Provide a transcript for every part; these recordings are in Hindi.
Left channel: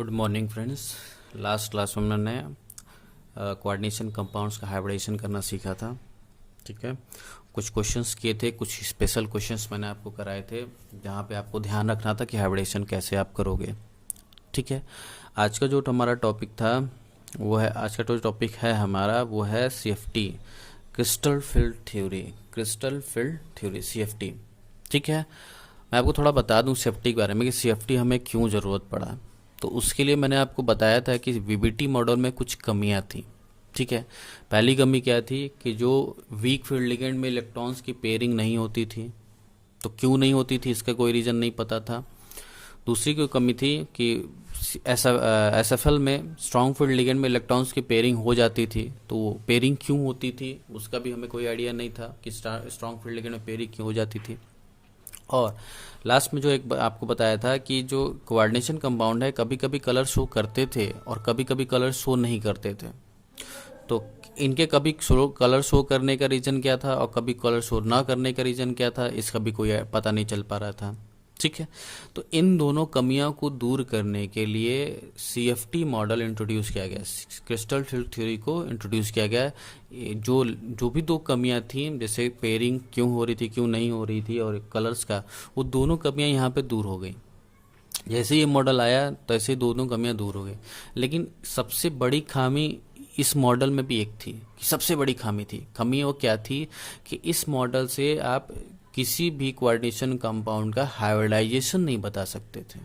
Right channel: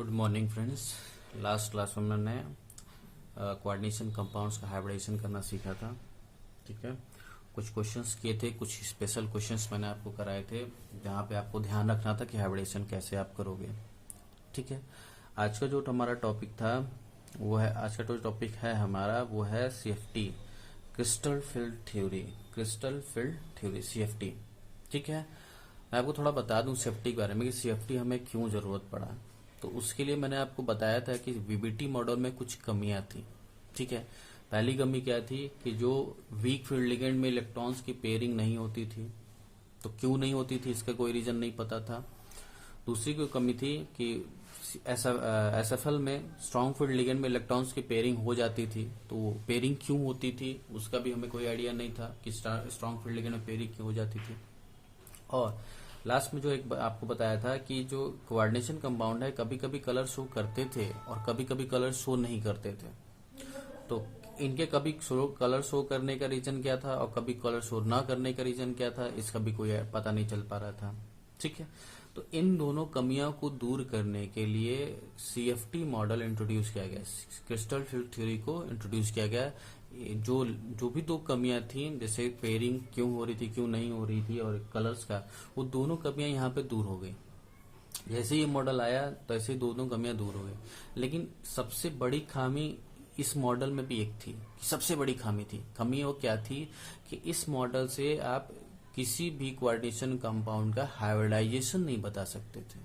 Good morning friends. Last class में मैंने कोऑर्डिनेशन कंपाउंड्स का हाइब्रिडेशन करना सीखा था। ठीक है, कुछ क्वेश्चंस किए थे, कुछ स्पेशल क्वेश्चंस मैंने आपको कराए थे जहाँ पे आपको ध्यान रखना था कि हाइब्रिडेशन कैसे आप करोगे। ठीक है, आज का जो हमारा टॉपिक था वो है, आज का जो टॉपिक है हमारा वो है CFT, crystal field theory. Crystal field theory CFT। ठीक है, मैं आपको थोड़ा बता दूं सेफ्टी के बारे में कि CFT हमें क्यों ज़रूरत पड़ा। तो उसके लिए मैंने आपको बताया था कि VBT मॉडल में कुछ कमियां थी। ठीक है, पहली कमी क्या थी कि जो वीक फील्ड लिगेंड में इलेक्ट्रॉन्स की पेयरिंग नहीं होती थी। तो क्यों नहीं होती थी इसका कोई रीज़न नहीं पता था। दूसरी कोई कमी थी कि SFL में स्ट्रॉन्ग फील्ड लिगेंड में इलेक्ट्रॉन्स की पेयरिंग हो जाती थी। तो वो पेयरिंग क्यों होती थी उसका भी हमें कोई आइडिया नहीं था कि स्ट्रॉन्ग फील्ड लिगेंड में पेयरिंग क्यों हो जाती थी। और लास्ट में जो एक आपको बताया था कि जो कोऑर्डिनेशन कंपाउंड है कभी कभी कलर शो करते थे और कभी कभी कलर शो नहीं करते थे। तो इनके कभी कलर शो करने का रीज़न क्या था और कभी कलर शो ना करने का रीज़न क्या था, इसका भी कोई पता नहीं चल पा रहा था। ठीक है, तो इन दोनों कमियों को दूर करने के लिए CFT मॉडल इंट्रोड्यूस किया गया, क्रिस्टल फील्ड थ्योरी को इंट्रोड्यूस किया गया। जो जो भी दो कमियां थी, जैसे पेयरिंग क्यों हो रही थी क्यों नहीं हो रही थी और कलर्स का, वो दोनों कमियां यहाँ पे दूर हो गई। जैसे ये मॉडल आया तैसे दोनों कमियां दूर हो गई। लेकिन सबसे बड़ी खामी इस मॉडल में भी एक थी, कि सबसे बड़ी खामी वो क्या थी कि इस मॉडल से आप किसी भी कोऑर्डिनेशन कंपाउंड का हाइब्रिडाइजेशन नहीं बता सकते थे।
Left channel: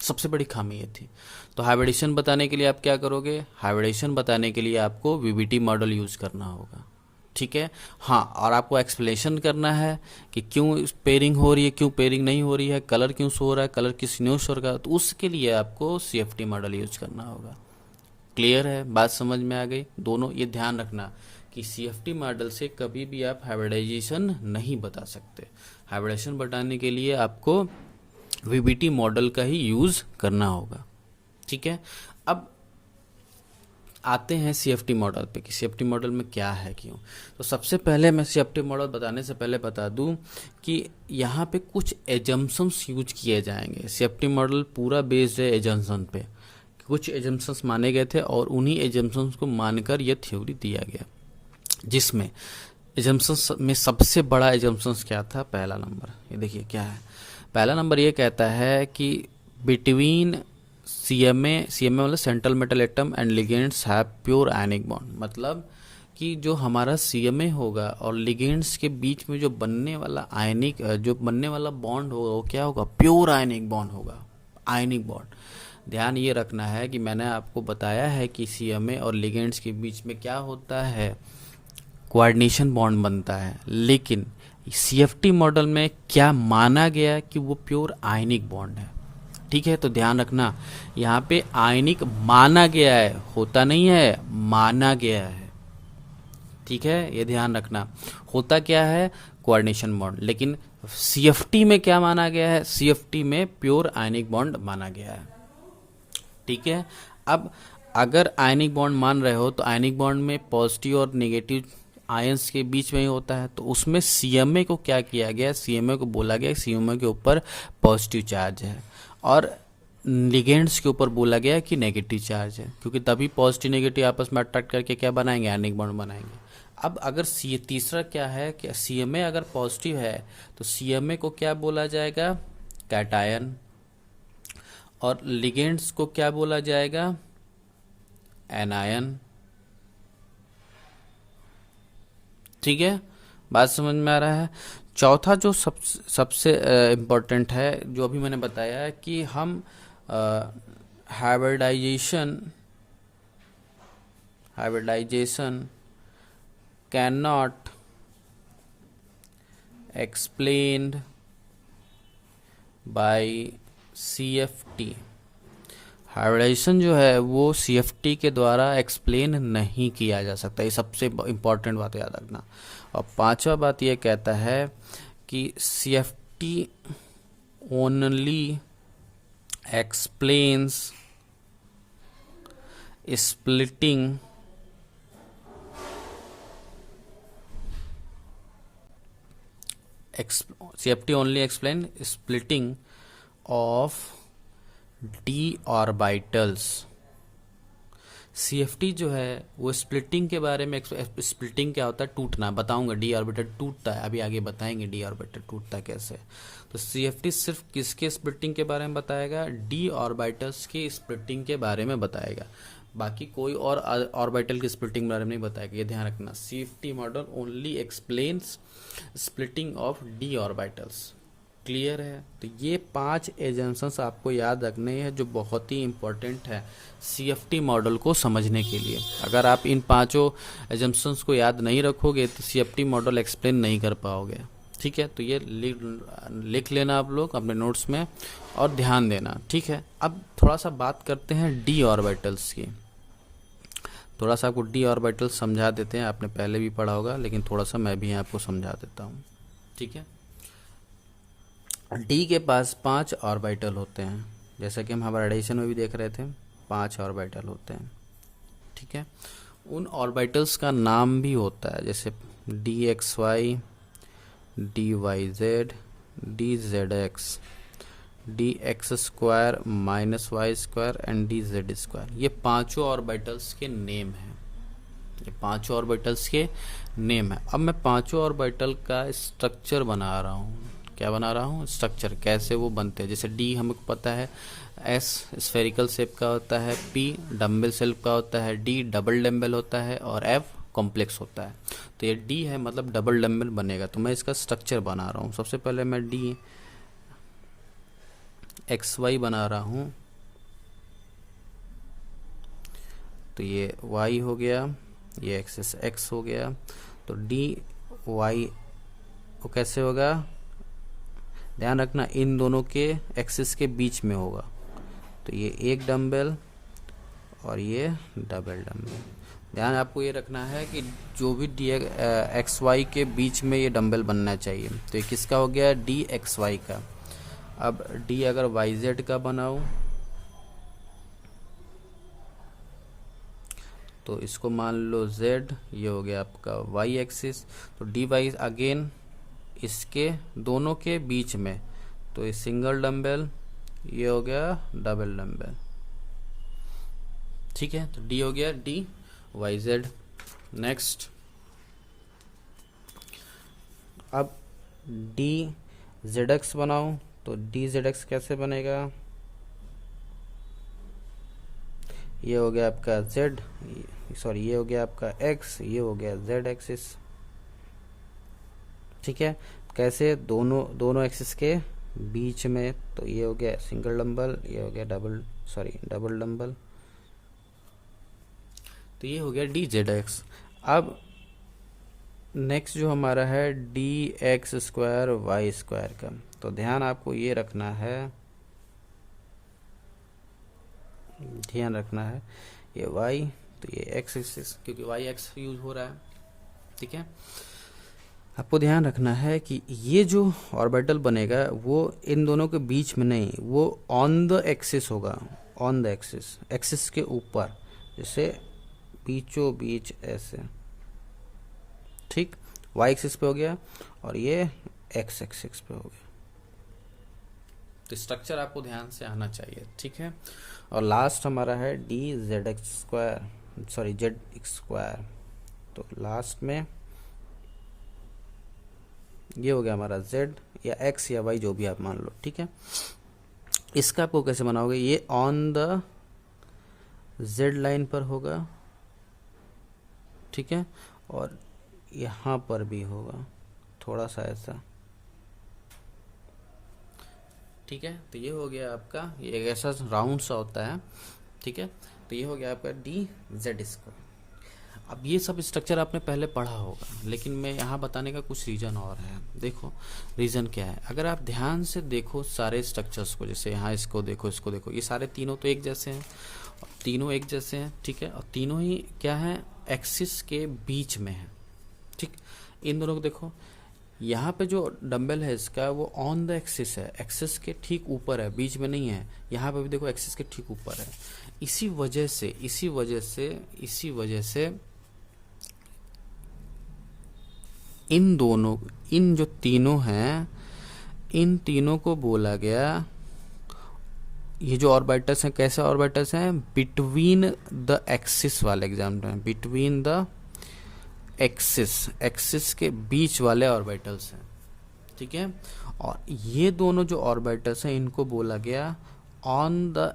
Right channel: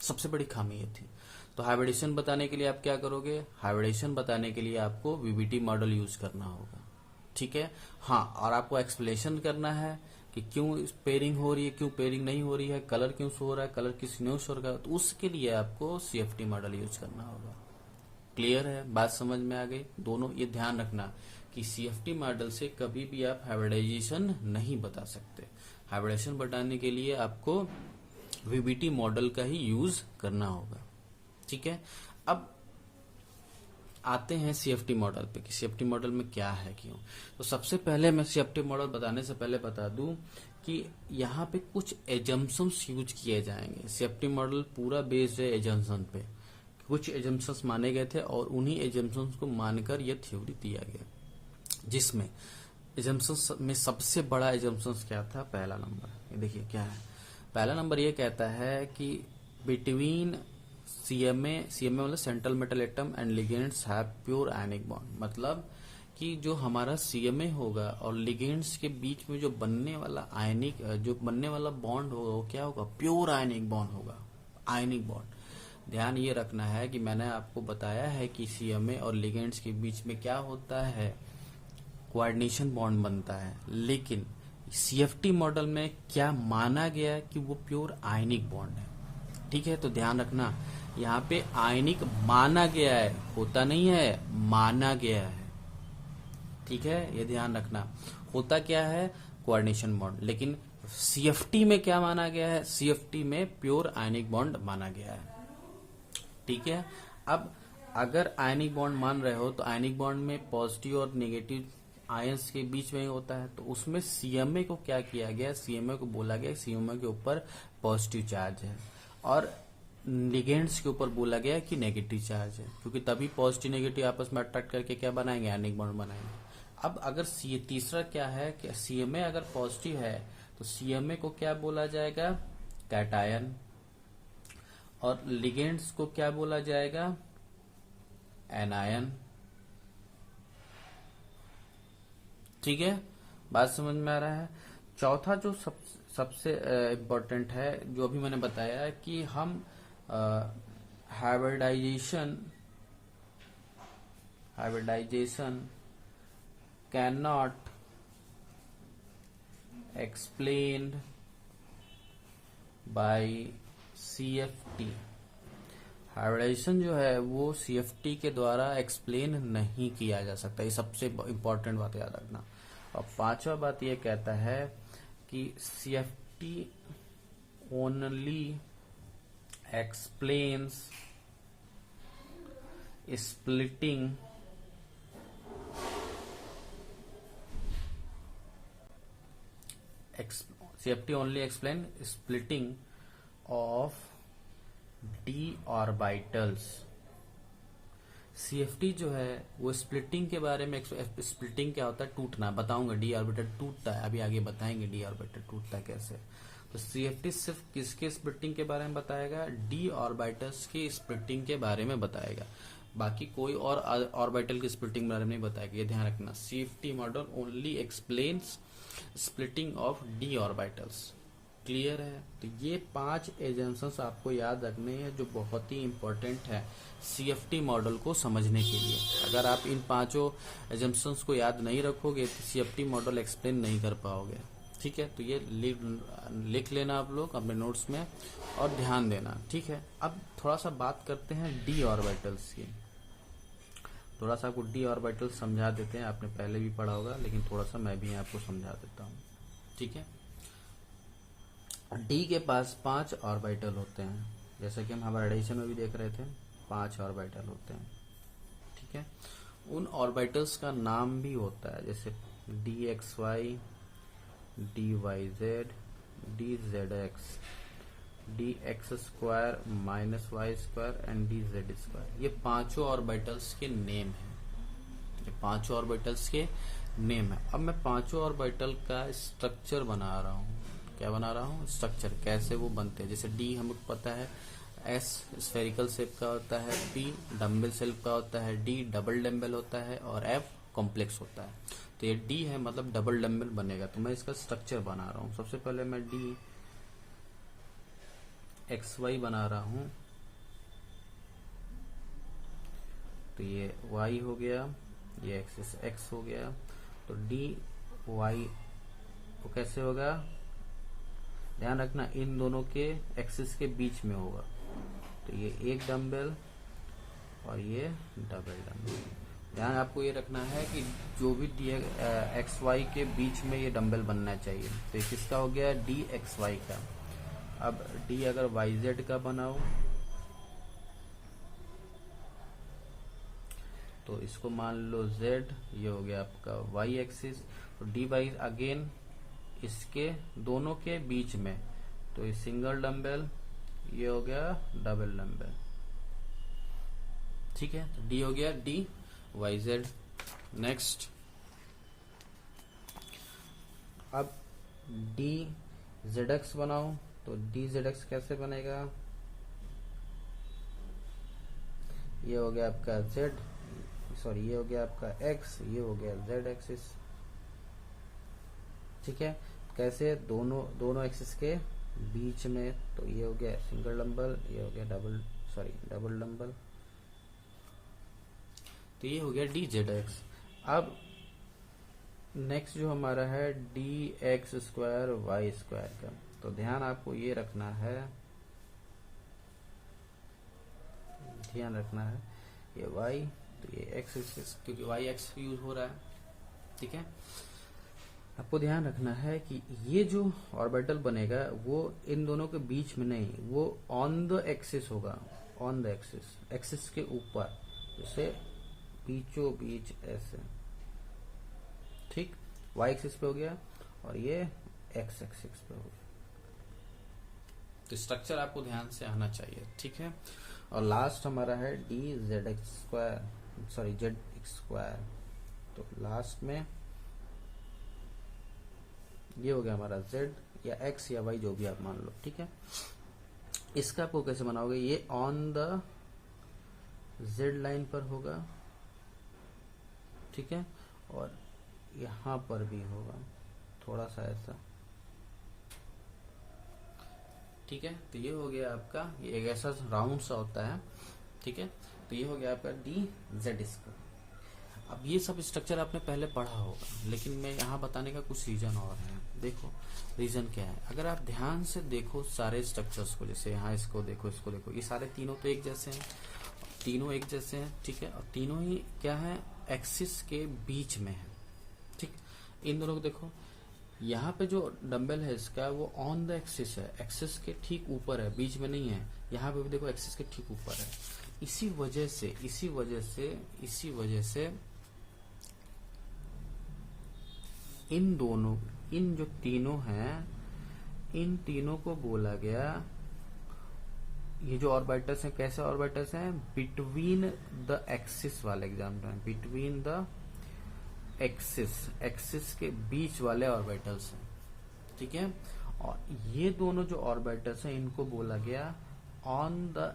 सबसे बड़ी खामी ये थी। तो हाइब्रिडेशन बताने के लिए आप क्या करोगे, हाइब्रिडेशन बताने के लिए आपको VBT मॉडल यूज करना होगा। ठीक है, हाँ, और आपको एक्सप्लेनेशन करना है कि क्यों पेयरिंग हो रही है, क्यों पेयरिंग नहीं हो रही है, कलर क्यों शो हो रहा है, कलर किस न्यूज शो हो रहा है। तो उसके लिए आपको CFT मॉडल यूज करना होगा। क्लियर है, बात समझ में आ गई। दोनों ये ध्यान रखना कि CFT मॉडल से कभी भी आप हाइब्रिडाइजेशन नहीं बता सकते। हाइब्रिडाइजेशन बताने के लिए आपको VBT मॉडल का ही यूज करना होगा। ठीक है, अब आते हैं CFT मॉडल पे कि CFT मॉडल में क्या है क्यों। तो सबसे पहले मैं CFT मॉडल बताने से पहले बता दूं कि यहाँ पे कुछ एजम्पशंस यूज किए जाएंगे। CFT मॉडल पूरा बेस्ड है एजम्पशन पे। कुछ एजम्पशंस माने गए थे और उन्हीं एजम्पशंस को मानकर यह थ्योरी दिया गया, जिसमें एजम्पशंस में सबसे बड़ा एजम्पशंस क्या था। पहला नंबर ये देखिए क्या है। पहला नंबर ये कहता है कि बिटवीन CMA मतलब central metal atom and ligands have pure ionic bond. मतलब कि जो हमारा CMA होगा और लिगेंड्स के बीच में जो बनने वाला बॉन्ड होगा वो क्या होगा, प्योर आयनिक बॉन्ड होगा। आयनिक बॉन्ड, ध्यान ये रखना है कि मैंने आपको बताया है कि CMA और लिगेंड्स के बीच में क्या होता है, कोऑर्डिनेशन बॉन्ड बनता है। लेकिन CFT मॉडल में क्या माना गया कि वो प्योर आयनिक बॉन्ड है। ठीक है, तो ध्यान रखना, यहाँ पे आयनिक माना गया है, होता नहीं है, माना गया है। ठीक है, ये ध्यान रखना। होता क्या है, कोऑर्डिनेशन बॉन्ड, लेकिन CFT में क्या माना गया है, CFT में प्योर आयनिक बॉन्ड माना गया है। ठीक है, अब अगर आयनिक बॉन्ड मान रहे हो तो आयनिक बॉन्ड में पॉजिटिव और नेगेटिव आयंस के बीच में ही होता है। तो उसमें CMA को क्या किया गया, CMA को बोला गया CMA के ऊपर पॉजिटिव चार्ज है और लिगेंड्स के ऊपर बोला गया कि नेगेटिव चार्ज है, क्योंकि तभी पॉजिटिव नेगेटिव आपस में अट्रैक्ट करके क्या बनाएंगे, आयनिक बॉन्ड बनाएंगे। अब अगर तीसरा क्या है कि CMA अगर पॉजिटिव है तो CMA को क्या बोला जाएगा, कैटायन, और लिगेंड्स को क्या बोला जाएगा, एनायन। ठीक है, बात समझ में आ रहा है। चौथा जो सबसे इम्पोर्टेंट है, जो अभी मैंने बताया है कि हम hybridization can not explained by CFT। Hybridization जो है वो CFT के द्वारा एक्सप्लेन नहीं किया जा सकता। ये सबसे इम्पॉर्टेंट बात याद रखना। और पांचवा बात ये कहता है कि CFT only explains splitting CFT only explain splitting of D orbitals. CFT जो है वो स्प्लिटिंग के बारे में, स्प्लिटिंग क्या होता है, टूटना, बताऊंगा। डी ऑर्बिटल टूटता है, अभी आगे बताएंगे डी ऑर्बिटल टूटता है कैसे। तो सीएफटी सिर्फ किसके स्प्लिटिंग के बारे में बताएगा, डी ऑर्बिटल्स की स्प्लिटिंग के बारे में बताएगा, बाकी कोई और ऑर्बिटल की स्प्लिटिंग के बारे में नहीं बताएगा। ये ध्यान रखना, CFT model only explains splitting of D orbitals. Clear है। तो ये 5 एजम्पशंस आपको याद रखने हैं जो बहुत ही इंपॉर्टेंट है सीएफटी मॉडल को समझने के लिए। अगर आप इन 5 एजम्पशंस को याद नहीं रखोगे तो सीएफटी मॉडल एक्सप्लेन नहीं कर पाओगे। ठीक है, तो ये लिख लेना आप लोग अपने नोट्स में और ध्यान देना। ठीक है, अब थोड़ा सा बात करते हैं डी ऑर्बिटल्स की। थोड़ा सा आपको डी ऑर्बिटल समझा देते हैं, आपने पहले भी पढ़ा होगा लेकिन थोड़ा सा मैं भी आपको समझा देता हूँ। ठीक है, डी के पास 5 ऑर्बिटल होते हैं, जैसा कि हम हमारे एडिशन में भी देख रहे थे, 5 ऑर्बिटल होते हैं। ठीक है, उन ऑर्बिटल्स का नाम भी होता है, जैसे D X Y, D Y Z, D Z X, D X square minus Y square and D Z square. ये 5 ऑर्बिटल्स के नेम हैं, ये 5 ऑर्बिटल्स के नेम है। अब मैं 5 ऑर्बिटल का स्ट्रक्चर बना रहा हूँ। क्या बना रहा हूँ, स्ट्रक्चर, कैसे वो बनते हैं। जैसे डी हमें पता है एस स्फेरिकल शेप का होता है, पी डम्बल शेप का होता है, डी डबल डम्बल होता है और एफ कॉम्प्लेक्स होता है। तो ये डी है मतलब डबल डम्बल बनेगा, तो मैं इसका स्ट्रक्चर बना रहा हूँ। सबसे पहले मैं डी एक्स वाई बना रहा हूँ, तो ये वाई हो गया, ये एक्सिस एक्स हो गया। तो डी वाई को कैसे होगा, ध्यान रखना इन दोनों के एक्सिस के बीच में होगा। तो ये एक डम्बल और ये डबल डम्बल। ध्यान आपको ये रखना है कि जो भी डी एक्स वाई के बीच में ये डम्बल बनना चाहिए। तो ये किसका हो गया, डी एक्स वाई का। अब डी अगर वाई जेड का बनाओ तो इसको मान लो जेड, ये हो गया आपका वाई एक्सिस। तो डी वाई अगेन इसके दोनों के बीच में, तो ये सिंगल डम्बल, ये हो गया डबल डम्बल। ठीक है, तो डी हो गया डी वाई जेड। नेक्स्ट, अब डी जेड एक्स बनाओ, तो डी जेड एक्स कैसे बनेगा, ये हो गया आपका जेड, सॉरी ये हो गया आपका एक्स, ये हो गया जेड एक्सिस। ठीक है, कैसे, दोनों एक्सिस के बीच में। तो ये हो गया सिंगल डम्बल, ये हो गया डबल डम्बल। तो ये हो गया डी जेड एक्स। अब नेक्स्ट जो हमारा है D X square Y square का, तो ध्यान आपको ये रखना है, ध्यान रखना है ये वाई, तो ये एक्स एक्सिस, क्योंकि वाई एक्स यूज हो रहा है। ठीक है, आपको ध्यान रखना है कि ये जो ऑर्बिटल बनेगा वो इन दोनों के बीच में नहीं, वो ऑन द एक्सिस होगा, ऑन द एक्सिस, एक्सिस के ऊपर, जैसे बीचों बीच ऐसे। ठीक, वाई एक्सिस पे हो गया और ये एक्स एक्सिस पे हो गया। तो स्ट्रक्चर आपको ध्यान से आना चाहिए। ठीक है, और लास्ट हमारा है D Z x square, sorry Z x square. तो लास्ट में ये हो गया हमारा z या x या y, जो भी आप मान लो। ठीक है, इसका आपको कैसे बनाओगे, ये ऑन द z लाइन पर होगा। ठीक है, और यहाँ पर भी होगा थोड़ा सा ऐसा। ठीक है, तो ये हो गया आपका, ये एक ऐसा राउंड सा होता है। ठीक है, तो ये हो गया आपका डी जेड स्क्वायर। अब ये सब स्ट्रक्चर आपने पहले पढ़ा होगा, लेकिन मैं यहाँ बताने का कुछ रीज़न और है। देखो रीज़न क्या है, अगर आप ध्यान से देखो सारे स्ट्रक्चर्स को, जैसे यहाँ इसको देखो, इसको देखो, ये सारे तीनों तो एक जैसे हैं, तीनों एक जैसे हैं। ठीक है, और तीनों ही क्या है, एक्सिस के बीच में है। ठीक, इन दोनों को देखो, यहाँ पे जो डंबल है इसका वो ऑन द एक्सिस है, एक्सिस के ठीक ऊपर है, बीच में नहीं है। यहाँ पे भी देखो एक्सिस के ठीक ऊपर है। इसी वजह से इन जो तीनों हैं, इन तीनों को बोला गया ये जो ऑर्बिटल्स हैं कैसे ऑर्बिटल्स हैं, बिटवीन द एक्सिस वाले एग्जाम्पल हैं, बिटवीन द एक्सिस के बीच वाले ऑर्बिटल्स हैं, ठीक है। और ये दोनों जो ऑर्बिटल्स हैं इनको बोला गया ऑन द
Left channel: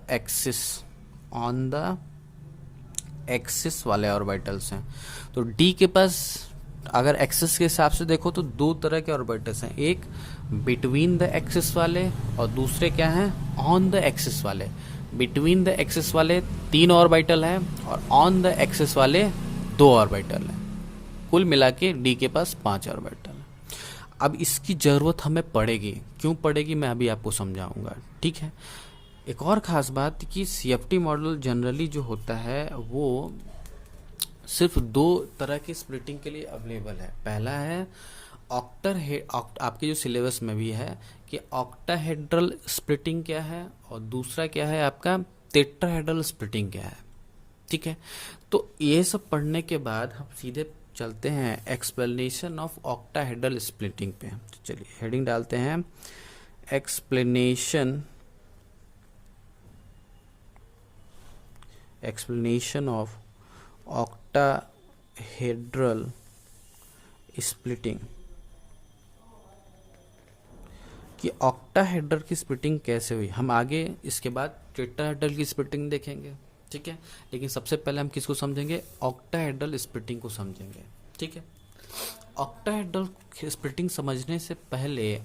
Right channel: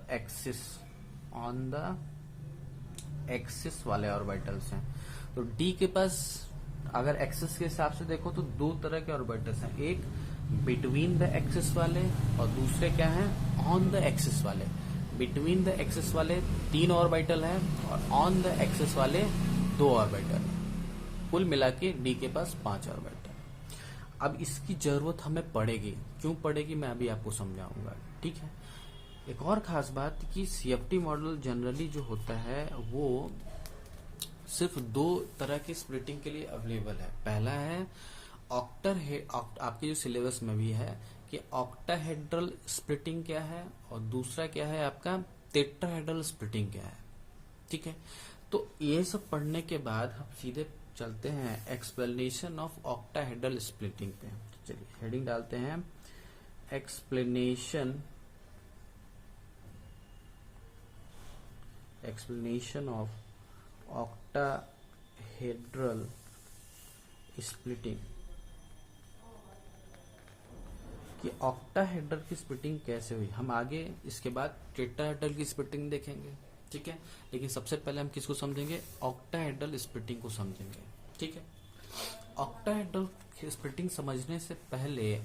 एक्सिस वाले ऑर्बिटल्स हैं। तो डी के पास अगर एक्सिस के हिसाब से देखो तो दो तरह के ऑर्बिटल्स हैं, एक बिटवीन द एक्सिस वाले और दूसरे क्या हैं, ऑन द एक्सिस वाले। बिटवीन द एक्सिस वाले 3 ऑर्बिटल हैं और ऑन द एक्सिस वाले 2 ऑर्बिटल हैं। कुल मिला के डी के पास 5 ऑर्बिटल है। अब इसकी जरूरत हमें पड़ेगी, क्यों पड़ेगी मैं अभी आपको समझाऊंगा, ठीक है। एक और खास बात कि सीएफटी मॉडल जनरली जो होता है वो सिर्फ 2 तरह के स्प्लिटिंग के लिए अवेलेबल है। पहला है आपके जो सिलेबस में भी है कि ऑक्टाहेड्रल स्प्लिटिंग क्या है, और दूसरा क्या है आपका टेट्राहेड्रल स्प्लिटिंग क्या है, ठीक है। तो ये सब पढ़ने के बाद हम सीधे चलते हैं एक्सप्लेनेशन ऑफ ऑक्टाहेड्रल स्प्लिटिंग पे। तो चलिए हेडिंग डालते हैं एक्सप्लेनेशन ऑफ ऑक्टाहेड्रल स्प्लिटिंग, कि ऑक्टाहेड्रल की स्प्लिटिंग कैसे हुई। हम आगे इसके बाद टेट्राहेड्रल की स्प्लिटिंग देखेंगे, ठीक है। लेकिन सबसे पहले हम किसको समझेंगे, ऑक्टाहेड्रल स्प्लिटिंग को समझेंगे, ठीक है। ऑक्टाहेड्रल स्प्लिटिंग समझने से पहले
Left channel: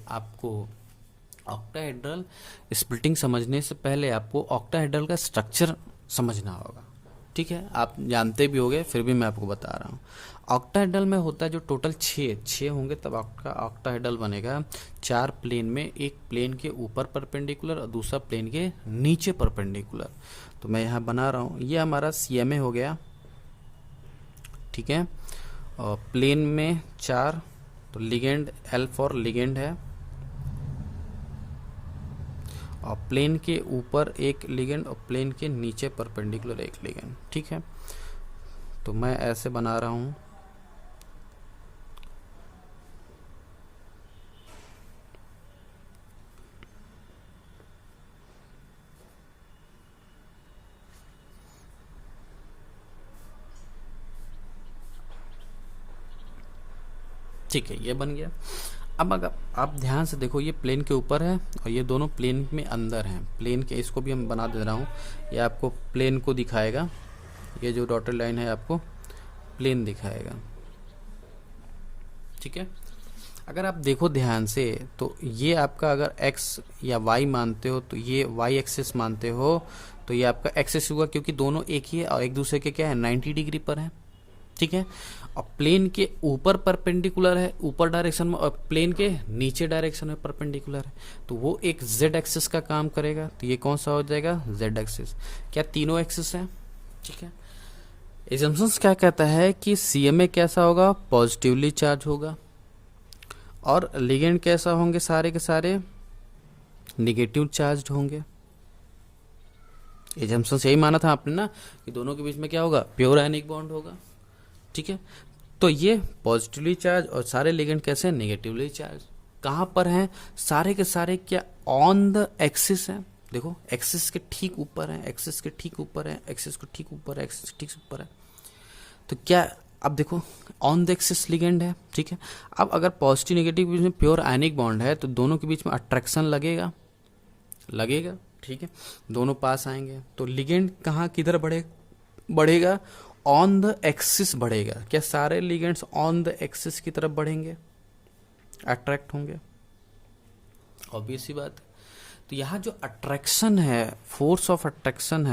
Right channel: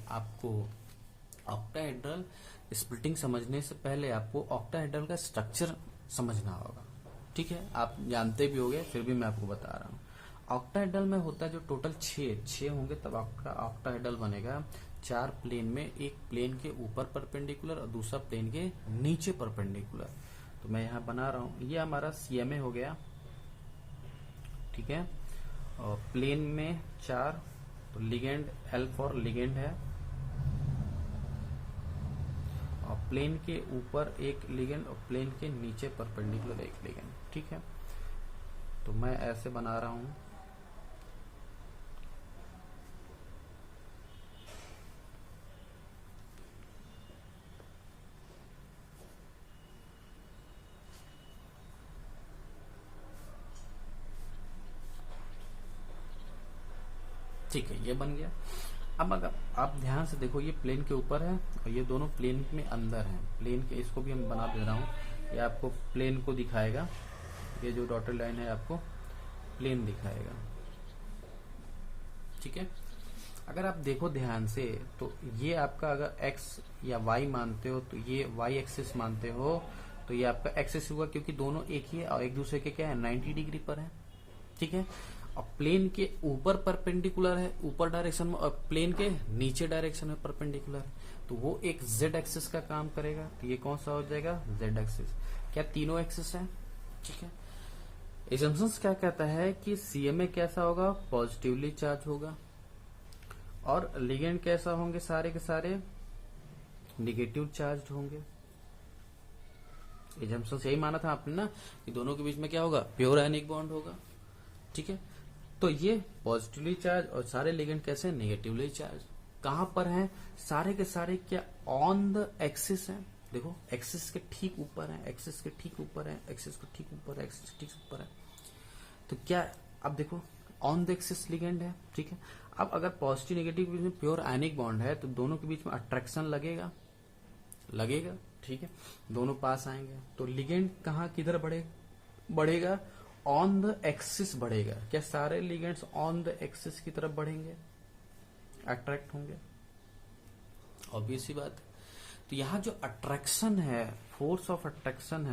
आपको ऑक्टाहेड्रल का स्ट्रक्चर समझना होगा, ठीक है। आप जानते भी होंगे फिर भी मैं आपको बता रहा हूँ। ऑक्टाहेड्रल में होता है जो टोटल 6 होंगे तब आपका ऑक्टाहेड्रल बनेगा। 4 प्लेन में, एक प्लेन के ऊपर परपेंडिकुलर और दूसरा प्लेन के नीचे परपेंडिकुलर। तो मैं यहाँ बना रहा हूँ, ये हमारा CMA हो गया, ठीक है। और प्लेन में 4, तो लिगेंड L फॉर लिगेंड है, और प्लेन के ऊपर एक लिगेंड और प्लेन के नीचे परपेंडिकुलर एक लिगेंड, ठीक है। तो मैं ऐसे बना रहा हूँ, ठीक है, ये बन गया। अब अगर आप ध्यान से देखो, ये प्लेन के ऊपर है और ये दोनों प्लेन में अंदर हैं। प्लेन के, इसको भी हम बना दे रहा हूँ, ये आपको प्लेन को दिखाएगा। ये जो डॉटेड लाइन है आपको प्लेन दिखाएगा, ठीक है। अगर आप देखो ध्यान से तो ये आपका अगर x या y मानते हो तो ये y एक्सिस मानते हो तो ये आपका एक्सिस हुआ, क्योंकि दोनों एक ही है और एक दूसरे के क्या है 90 डिग्री पर है, ठीक है। और प्लेन के ऊपर परपेंडिकुलर है ऊपर डायरेक्शन में, और प्लेन के नीचे डायरेक्शन में परपेंडिकुलर है, तो वो एक z एक्सिस का काम करेगा। तो ये कौन सा हो जाएगा, z एक्सिस। क्या तीनों एक्सिस है, ठीक है। एजम्पशंस क्या कहता है कि CMA कैसा होगा, पॉजिटिवली चार्ज होगा, और लिगेंड कैसा होंगे, सारे के सारे निगेटिव चार्ज होंगे। एजम्पशंस यही माना था आपने ना कि दोनों के बीच में क्या होगा, प्योर आयनिक बॉन्ड होगा, ठीक है। तो ये पॉजिटिवली चार्ज और सारे लिगेंड कैसे, नेगेटिवली चार्ज। कहाँ पर हैं, सारे के सारे क्या ऑन द एक्सिस है। देखो एक्सिस के ठीक ऊपर है, एक्सिस के ठीक ऊपर है, एक्सिस के ठीक ऊपर है, एक्सिस के ठीक ऊपर है। तो क्या, अब देखो ऑन द एक्सिस लिगेंड है, ठीक है। अब अगर पॉजिटिव नेगेटिव के बीच में प्योर आयनिक बॉन्ड है तो दोनों के बीच में अट्रैक्शन लगेगा, ठीक है, दोनों पास आएंगे। तो लिगेंड कहाँ किधर बढ़ेगा, ऑन द एक्सिस बढ़ेगा। क्या सारे लिगेंड्स ऑन द एक्सिस की तरफ बढ़ेंगे, अट्रैक्ट होंगे, ऑब्वियस सी बात है। तो यहाँ जो अट्रैक्शन है, फोर्स ऑफ अट्रैक्शन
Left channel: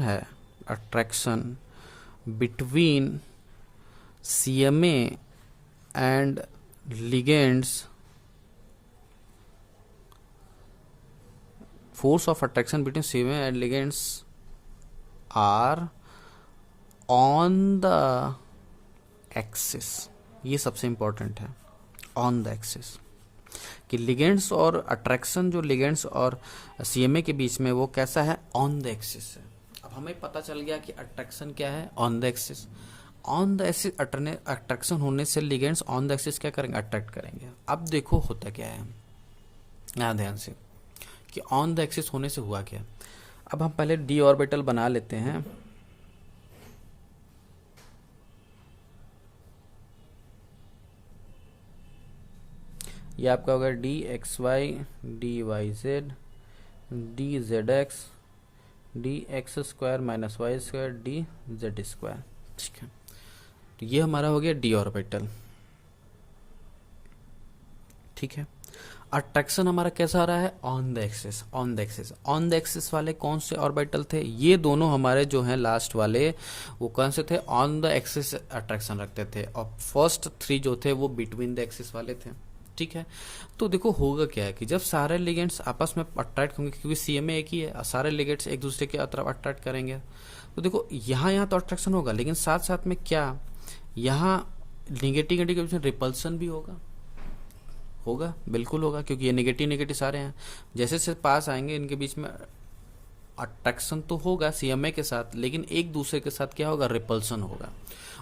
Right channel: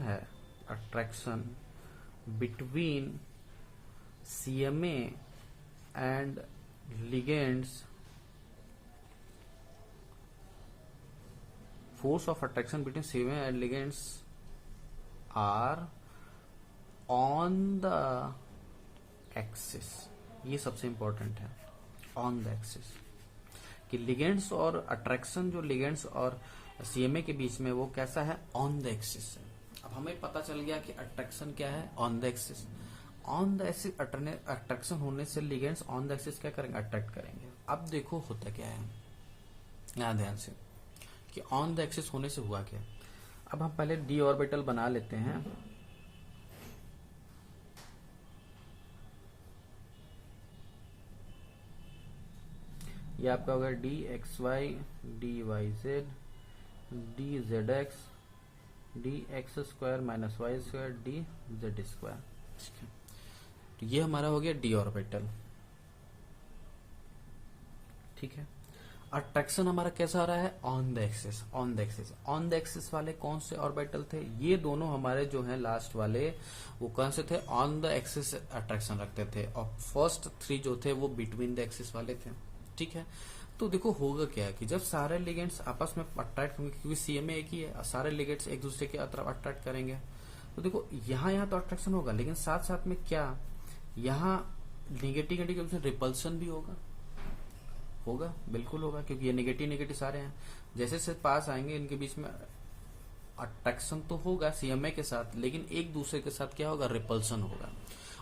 है, attraction between CMA and ligands, force of attraction between CMA and ligands are on the axis। ये सबसे इंपॉर्टेंट है, ऑन द एक्सिस, कि लिगेंड्स और अट्रैक्शन जो लिगेंड्स और CMA के बीच में वो कैसा है, ऑन द एक्सिस है। अब हमें पता चल गया कि अट्रैक्शन क्या है, on the axis. On the axis attraction होने से लिगेंड्स ऑन द एक्सिस क्या करेंगे, अट्रैक्ट करेंगे। अब देखो होता क्या है, हाँ ध्यान से कि ऑन द एक्सिस होने से हुआ क्या। अब हम पहले डी ऑर्बिटल बना लेते हैं। ये आपका होगा D X Y D Y Z D Z X D X square minus Y square D Z square. ठीक है, तो ये हमारा हो गया डी ऑर्बिटल। ठीक है, अट्रैक्शन हमारा कैसा आ रहा है, on the axis. On the axis, on the axis वाले कौन से ऑर्बिटल थे, ये दोनों हमारे जो हैं लास्ट वाले, वो कौन से थे, ऑन द एक्सिस अट्रैक्शन रखते थे, और फर्स्ट 3 जो थे वो बिटवीन द एक्सिस वाले थे। ठीक है, तो देखो होगा क्या है कि जब सारे लिगेंड्स आपस में अट्रैक्ट होंगे, क्योंकि सीएमए एक ही है, सारे लिगेंड्स एक दूसरे के तरफ अट्रैक्ट करेंगे, तो देखो यहाँ तो अट्रैक्शन होगा, लेकिन साथ साथ में क्या यहाँ निगेटिव नेगेटिव के बीच रिपल्सन भी होगा, बिल्कुल होगा, क्योंकि ये नेगेटिव नेगेटिव सारे हैं, जैसे से पास आएंगे इनके बीच में अट्रैक्शन तो होगा सीएमए के साथ, लेकिन एक दूसरे के साथ क्या होगा, रिपल्सन होगा,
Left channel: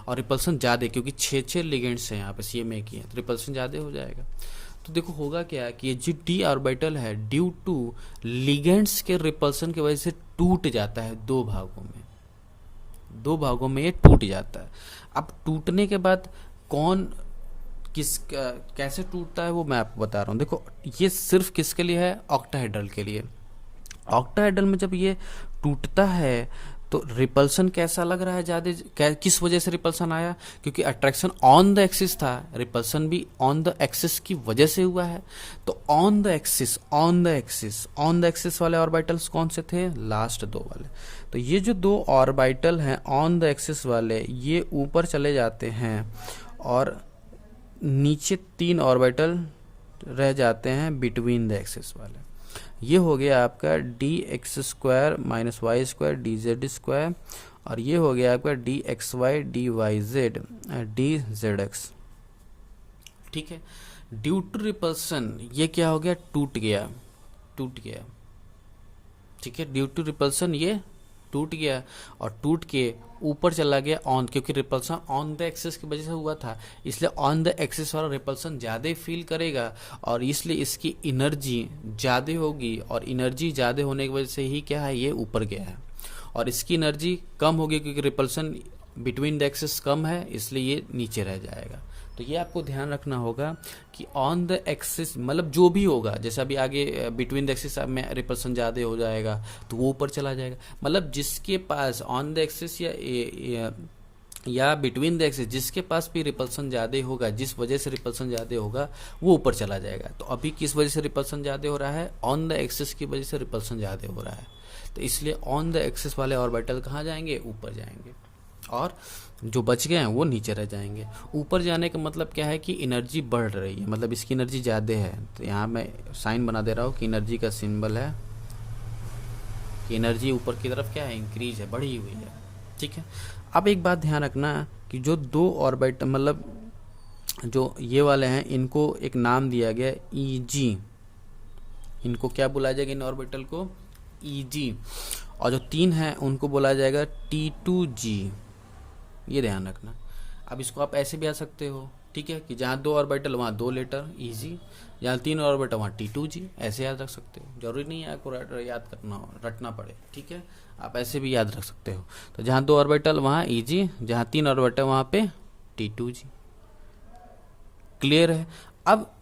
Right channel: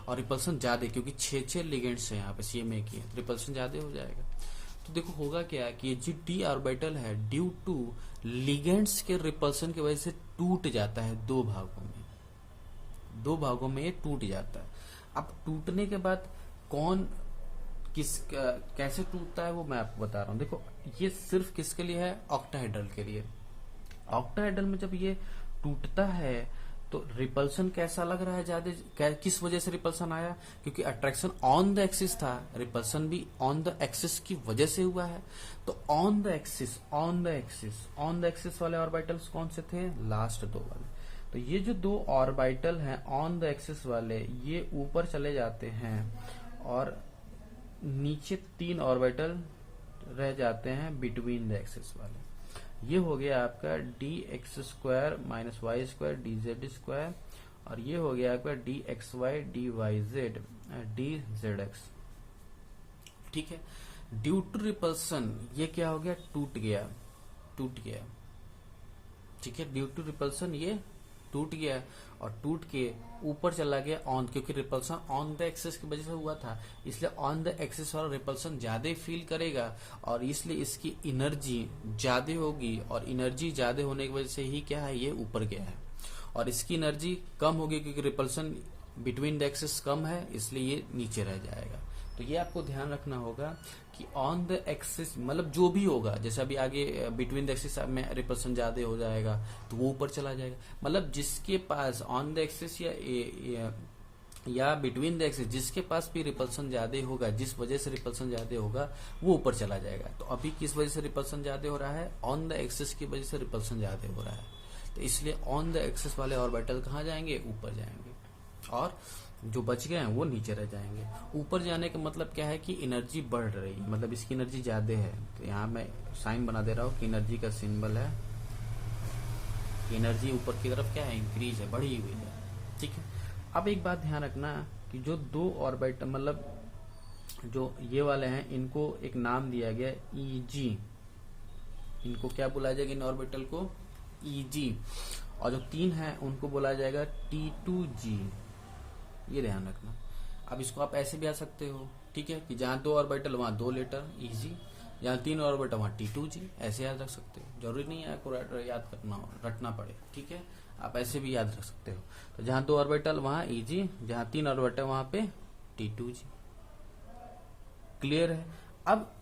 और रिपल्सन ज़्यादा, क्योंकि 6 लिगेंड्स हैं यहाँ पे सीएमए की है, तो रिपल्सन ज़्यादा हो जाएगा। तो देखो होगा क्या कि ये जो डी ऑर्बिटल है ड्यू टू लिगेंड्स के रिपल्सन की वजह से टूट जाता है 2 भागों में ये टूट जाता है। अब टूटने के बाद कैसे टूटता है वो मैं आपको बता रहा हूँ। देखो ये सिर्फ किसके लिए है, ऑक्टाहेड्रल के लिए। ऑक्टाहेड्रल में जब ये टूटता है तो रिपल्सन कैसा लग रहा है ज़्यादा, किस वजह से रिपल्सन आया, क्योंकि अट्रैक्शन ऑन द एक्सिस था, रिपल्सन भी ऑन द एक्सिस की वजह से हुआ है। तो ऑन द एक्सिस वाले ऑर्बिटल्स कौन से थे, लास्ट 2 वाले। तो ये जो 2 ऑर्बिटल हैं ऑन द एक्सिस वाले, ये ऊपर चले जाते हैं और नीचे 3 ऑर्बिटल रह जाते हैं बिटवीन द एक्सिस वाले। ये हो गया आपका D X square minus Y square D Z square, और ये हो गया आपका D X Y D Y Z D Z X. ठीक है, ड्यू टू रिपल्सन ये क्या हो गया, टूट गया। ठीक है, ड्यू टू रिपल्सन ये टूट गया, और टूट के ऊपर चला गया ऑन, क्योंकि रिपल्सन ऑन द एक्सिस की वजह से हुआ था, इसलिए ऑन द एक्सिस वाला रिपल्सन ज़्यादा फील करेगा, और इसलिए इसकी एनर्जी ज़्यादा होगी, और एनर्जी ज़्यादा होने की वजह से ही क्या है, ये ऊपर गया है। और इसकी एनर्जी कम होगी क्योंकि रिपल्सन बिटवीन द एक्सिस कम है, इसलिए ये नीचे रह जाएगा। तो ये आपको ध्यान रखना होगा कि ऑन द एक्सिस मतलब जो भी होगा, जैसे अभी आगे बिटवीन द एक्सिस में रिपल्सन ज़्यादा हो जाएगा तो वो ऊपर चला जाएगा, मतलब जिसके पास ऑन द एक्सिस या बिटवीन द एक्सिस जिसके पास भी रिपल्सन ज़्यादा होगा, जिस वजह से रिपल्सन ज़्यादा होगा वो ऊपर चला जाएगा। तो अभी किस वजह से रिपल्सन ज़्यादा हो रहा है, ऑन द एक्सिस की वजह से रिपल्सन ज़्यादा हो रहा है, तो इसलिए ऑन द एक्सिस वाले ऑर्बिटल कहाँ जाएंगे, ऊपर जाएंगे, और जो बच गए हैं वो नीचे रह जाएंगे। ऊपर जाने का मतलब क्या है कि एनर्जी बढ़ रही है, मतलब इसकी एनर्जी ज़्यादा है। तो यहाँ मैं साइन बना दे रहा हूँ कि एनर्जी का सिंबल है कि एनर्जी ऊपर की तरफ क्या है, इंक्रीज है, बढ़ी हुई है। ठीक है, अब एक बात ध्यान रखना कि जो 2 ऑर्बिटल मतलब जो ये वाले हैं, इनको एक नाम दिया गया EG, इनको क्या बुलाया जाएगा, इन ऑर्बिटल को EG, और जो 3 हैं उनको बोला जाएगा T2G, ये ध्यान रखना। अब इसको आप ऐसे भी आ सकते हो, ठीक है, कि जहाँ 2 ऑर्बिटल वहाँ 2 लेटर EG, जहाँ 3 ऑर्बिटल वहाँ T2G, ऐसे याद रख सकते हो, जरूरी नहीं है आपको याद रटना पड़े। ठीक है, आप ऐसे भी याद रख सकते हो। तो जहाँ 2 ऑर्बिटल वहाँ EG, जहाँ 3 ऑर्बिटल वहाँ पे T2G। क्लियर है। अब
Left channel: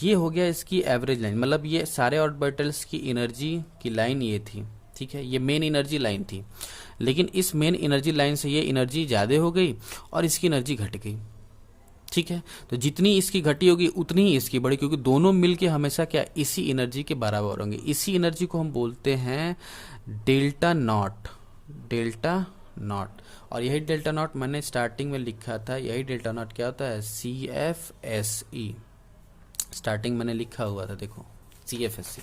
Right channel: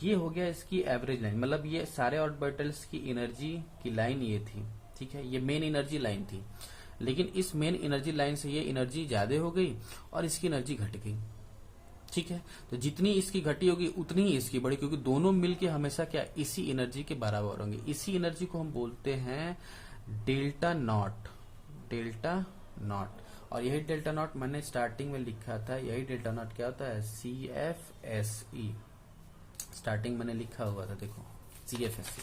ये हो गया इसकी एवरेज लाइन, मतलब ये सारे ऑर्बिटल्स की एनर्जी की लाइन ये थी। ठीक है, ये मेन एनर्जी लाइन थी, लेकिन इस मेन एनर्जी लाइन से ये एनर्जी ज़्यादा हो गई और इसकी एनर्जी घट गई। ठीक है, तो जितनी इसकी घटी होगी उतनी ही इसकी बढ़ी, क्योंकि दोनों मिलके हमेशा क्या इसी एनर्जी के बराबर होंगे। इसी एनर्जी को हम बोलते हैं डेल्टा नॉट, और यही डेल्टा नॉट मैंने स्टार्टिंग में लिखा था। यही डेल्टा नॉट क्या होता है, CFSE, स्टार्टिंग मैंने लिखा हुआ था, देखो CFSE,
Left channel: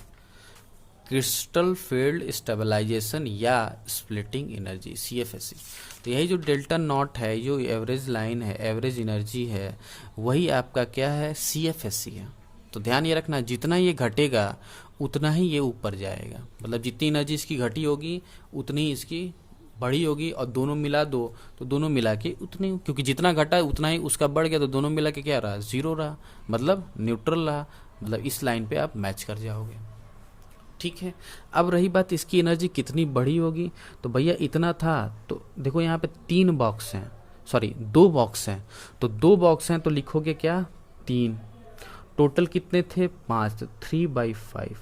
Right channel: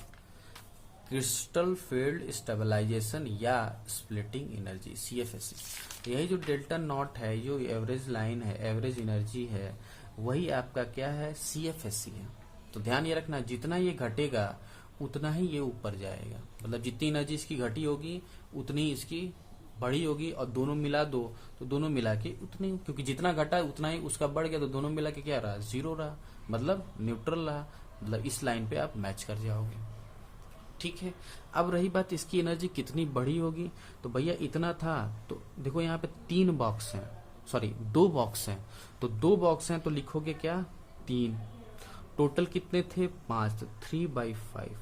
क्रिस्टल फील्ड स्टेबलाइजेशन या स्प्लिटिंग एनर्जी, CFSE। तो यही जो डेल्टा नॉट है, जो एवरेज लाइन है, एवरेज एनर्जी है, वही आपका क्या है, CFSE है। तो ध्यान ये रखना, जितना ये घटेगा उतना ही ये ऊपर जाएगा, मतलब जितनी एनर्जी इसकी घटी होगी उतनी ही इसकी बढ़ी होगी, और दोनों मिला दो तो दोनों मिला के उतनी, क्योंकि जितना घटा उतना ही उसका बढ़ गया, तो दोनों मिला के क्या रहा, 0 रहा, मतलब न्यूट्रल रहा। मतलब इस लाइन पे आप मैच कर जाओगे। ठीक है, अब रही बात इसकी एनर्जी कितनी बड़ी होगी, तो भैया इतना था, तो देखो यहाँ पे 3 बॉक्स हैं, सॉरी 2 बॉक्स हैं, तो 2 बॉक्स हैं तो लिखोगे क्या 3, टोटल कितने थे 5, तो 3/5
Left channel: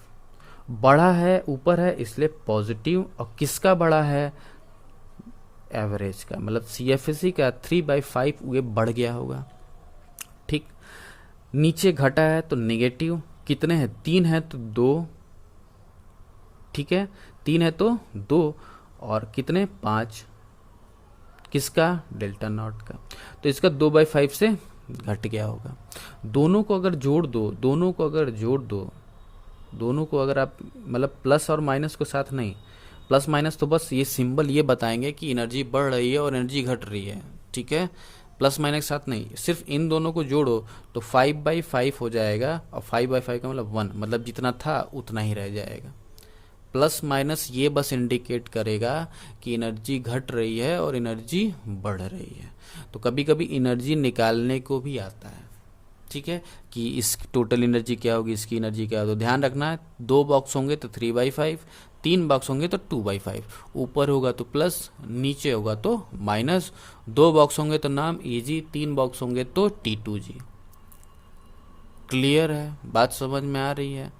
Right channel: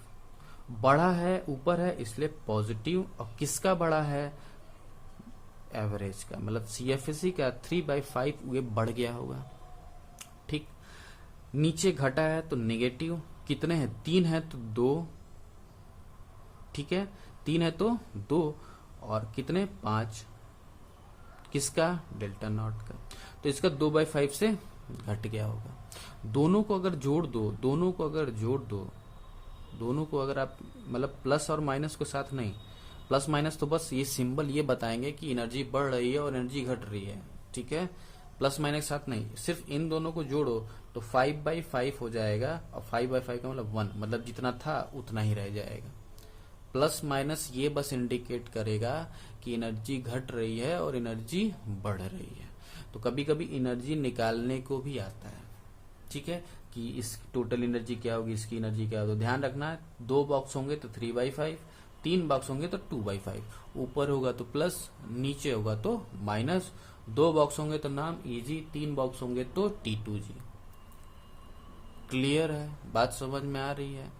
बड़ा है ऊपर है इसलिए पॉजिटिव, और किसका बड़ा है एवरेज का, मतलब CFSE का 3/5 ये बढ़ गया होगा। ठीक, नीचे घटा है तो नेगेटिव, कितने हैं 3 है तो 2, ठीक है 3 है तो 2, और कितने 5, किसका डेल्टा नॉट का, तो इसका 2/5 से घट गया होगा। दोनों को अगर जोड़ दो, दोनों को अगर आप मतलब प्लस और माइनस को साथ नहीं, प्लस माइनस तो बस ये सिंबल ये बताएंगे कि एनर्जी बढ़ रही है और एनर्जी घट रही है। ठीक है, प्लस माइनस साथ नहीं, सिर्फ इन दोनों को जोड़ो तो 5/5 हो जाएगा, और 5/5 का मतलब 1, मतलब जितना था उतना ही रह जाएगा। प्लस माइनस ये बस इंडिकेट करेगा कि एनर्जी घट रही है और एनर्जी बढ़ रही है। तो कभी कभी एनर्जी निकालने को भी आता है, ठीक है, कि इस टोटल एनर्जी क्या होगी, इसकी एनर्जी क्या होगी। तो ध्यान रखना है 2 बॉक्स होंगे तो 3/5, 3 बॉक्स होंगे तो 2/5, ऊपर होगा तो प्लस, नीचे होगा तो माइनस, 2 बॉक्स होंगे तो नाम EG, 3 बॉक्स होंगे तो T2G। क्लियर है, बात समझ में आ रही है।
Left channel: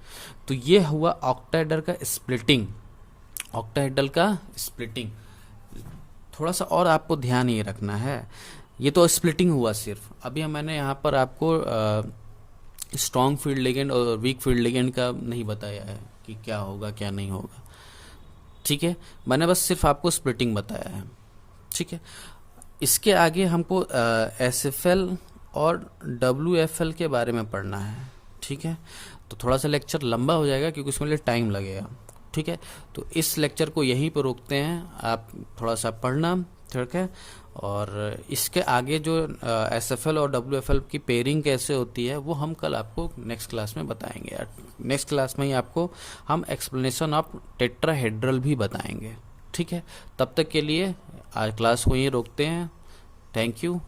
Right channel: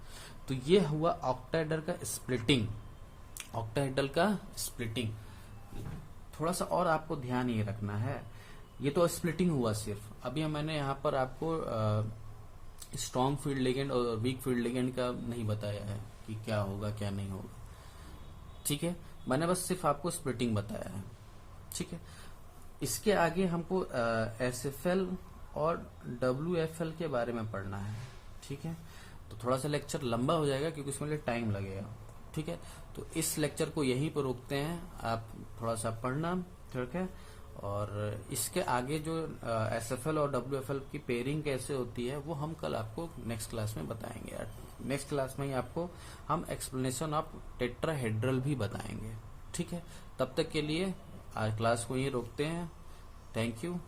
तो ये हुआ ऑक्टाहेड्रल का स्प्लिटिंग, ऑक्टाहेड्रल का स्प्लिटिंग। थोड़ा सा और आपको ध्यान ये रखना है, ये तो स्प्लिटिंग हुआ सिर्फ, अभी मैंने यहाँ पर आपको स्ट्रॉन्ग फील्ड लिगेंड और वीक फील्ड लिगेंड का नहीं बताया है कि क्या होगा क्या नहीं होगा। ठीक है, मैंने बस सिर्फ आपको स्प्लिटिंग बताया है। ठीक है, इसके आगे हमको SFL और WFL के बारे में पढ़ना है। ठीक है, तो थोड़ा सा लेक्चर लंबा हो जाएगा क्योंकि उसमें लिए टाइम लगेगा। ठीक है, तो इस लेक्चर को यहीं पर रोकते हैं, आप थोड़ा सा पढ़ना। ठीक है, और इसके आगे जो SFL और WFL की पेयरिंग कैसे होती है वो हम कल आपको नेक्स्ट क्लास में बताएंगे। नेक्स्ट क्लास में ही आपको हम एक्सप्लेनेशन ऑफ टेट्राहेड्रल भी बताएंगे। ठीक है, तब तक के लिए आज क्लास को यहीं रोकते हैं। Thank you.